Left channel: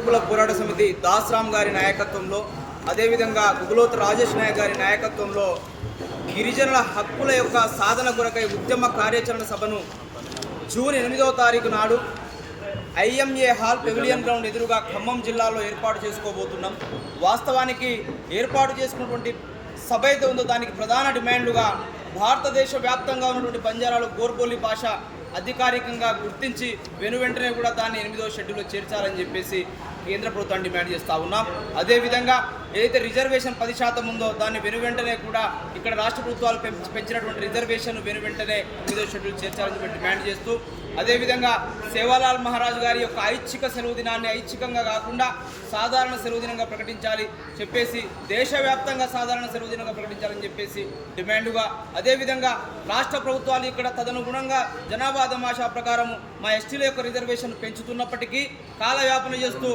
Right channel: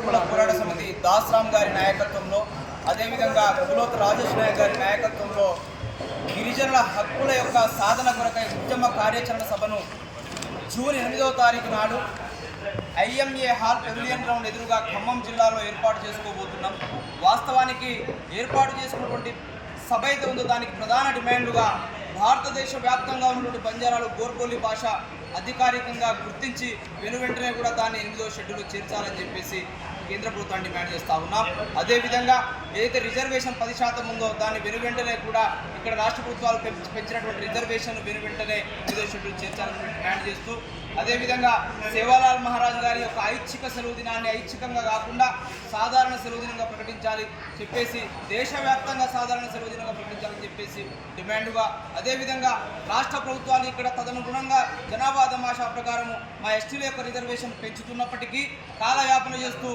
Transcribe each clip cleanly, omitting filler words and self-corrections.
హక్కుల పోరాట సమితి దాస్రామ్ గారి నాయకత్వంలో, అదేవిధంగా గుగులోతు రాజేష్ నాయక్ గారి నాయకత్వంలో గిరిజనుల హక్కుల యొక్క సాధన కొరకై ఉద్యమ కార్యాచరణ సభను జూన్ 8వ తారీఖు నాడు IMA హాల్ పెవిలియన్ గ్రౌండ్ ఎదురుగా ఖమ్మం జిల్లాలో ఏర్పాటు చేసుకోబోతున్నాం. వాస్తవానికి ఏర్పాటు చేసుకున్నటువంటి సభ అయితే ఉందో దానికి ప్రధాన డిమాండ్లుగా భారతదేశ వ్యాప్తంగా ఉన్నటువంటి బంజారాలు గోర్బోలి భాష అధికారికంగా గుర్తించి వెనువెంటనే కూడా దాన్ని 8వ షెడ్యూల్లో చేర్చాలని చెప్పేసి కేంద్ర ప్రభుత్వాన్ని డిమాండ్ చేస్తూ ఉన్నాం. అదేవిధంగా ఏదైతే రిజర్వేషన్ 10% ఉందో దాన్ని వెనువెంటనే కూడా ఇక్కడ రాష్ట్ర ప్రభుత్వాలు పెంచినటువంటి రిజర్వేషన్ వెనువెంటనే 8వ షెడ్యూల్ చేర్చాలని డిమాండ్ చేస్తూ, అదేవిధంగా సేవాలాల్ మహారాజ్ గారి యొక్క ఐచ్ఛిక సెలవు దినాన్ని ఐచ్ఛికంగా కాకుండా సాధారణ సెలవు దినంగా ప్రకటించాలి చెప్పేసి, దేశవ్యాప్తంగా సాధారణ సెలవు దినంగా ప్రకటించాలని చెప్పేసి డిమాండ్గా, అదేవిధంగా రాష్ట్ర ప్రభుత్వాలు ఇక్కడ తదనుగుణంగా జనాభా దమాషా ప్రకారము మా ఎస్టీల యొక్క రిజర్వేషన్ పెంచుతున్నప్పటికీ కాలయాపన చేస్తూ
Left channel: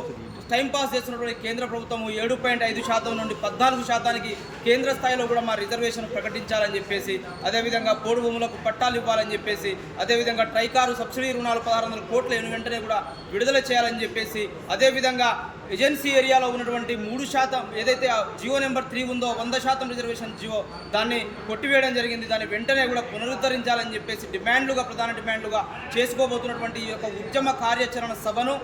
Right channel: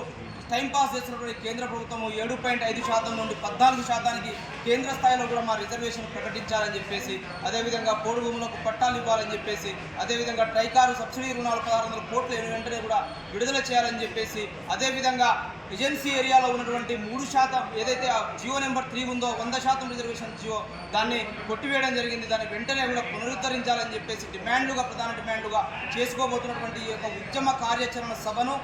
టైంపాస్ చేస్తున్నటువంటి కేంద్ర ప్రభుత్వము 7.5% నుండి 14% కేంద్ర స్థాయిలో కూడా మా రిజర్వేషన్ ప్రకటించాలని చెప్పేసి, అదేవిధంగా పోడు భూములకు పట్టాలు ఇవ్వాలని చెప్పేసి, అదేవిధంగా ట్రైకారు సబ్సిడీ రుణాలు 1600 కోట్ల వెంటనే కూడా విడుదల చేయాలని చెప్పేసి, అదేవిధంగా ఏజెన్సీ ఏరియాలో ఉన్నటువంటి 3% ఏదైతే జియో నెంబర్ 3 ఉందో 100% రిజర్వేషన్ జియో దాన్ని కొట్టివేయడం జరిగింది. దాన్ని వెంటనే కూడా పునరుద్ధరించాలని చెప్పేసి ప్రధాన డిమాండ్లుగా చేసుకోబోతున్నటువంటి ఈ యొక్క ఉద్యమ కార్యాచరణ సభను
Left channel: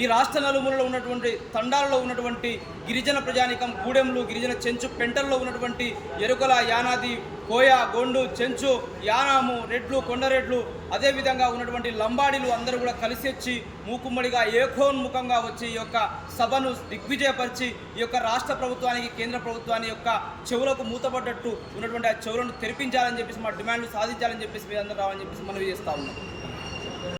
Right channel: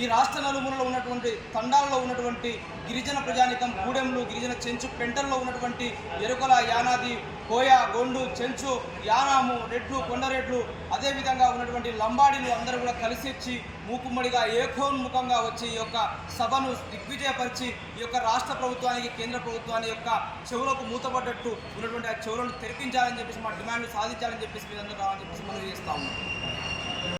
ఈ రాష్ట్ర నలుమూలలో ఉన్నటువంటి తండాలలో ఉన్నటువంటి గిరిజన ప్రజానికం, గూడెంలు, గిరిజన చెంచు పెంటల్లో ఉన్నటువంటి ఎరుకల, యానాది, కోయ, గొండు, చెంచు, యానాము, రెడ్లు, కొండరెడ్లు, అదేవిధంగా ఉన్నటువంటి లంబాడీలు అందరూ కూడా కలిసి వచ్చి మూకుమ్మడిగా ఏకోన్ముఖంగా వచ్చి ఈ యొక్క సభను దిగ్విజయపరిచి ఈ యొక్క రాష్ట్ర ప్రభుత్వానికి, కేంద్ర ప్రభుత్వాన్ని యొక్క చెవులకు మూతపడ్డట్టు ఉన్నటువంటి ఆ చెవులను తెరిపించాలని చెప్పేసి, మా డిమాండ్లు సాధించాలని చెప్పేసి మీరు అందరూ రావాలని చెప్పేసి మనవి చేస్తా ఉన్నాం.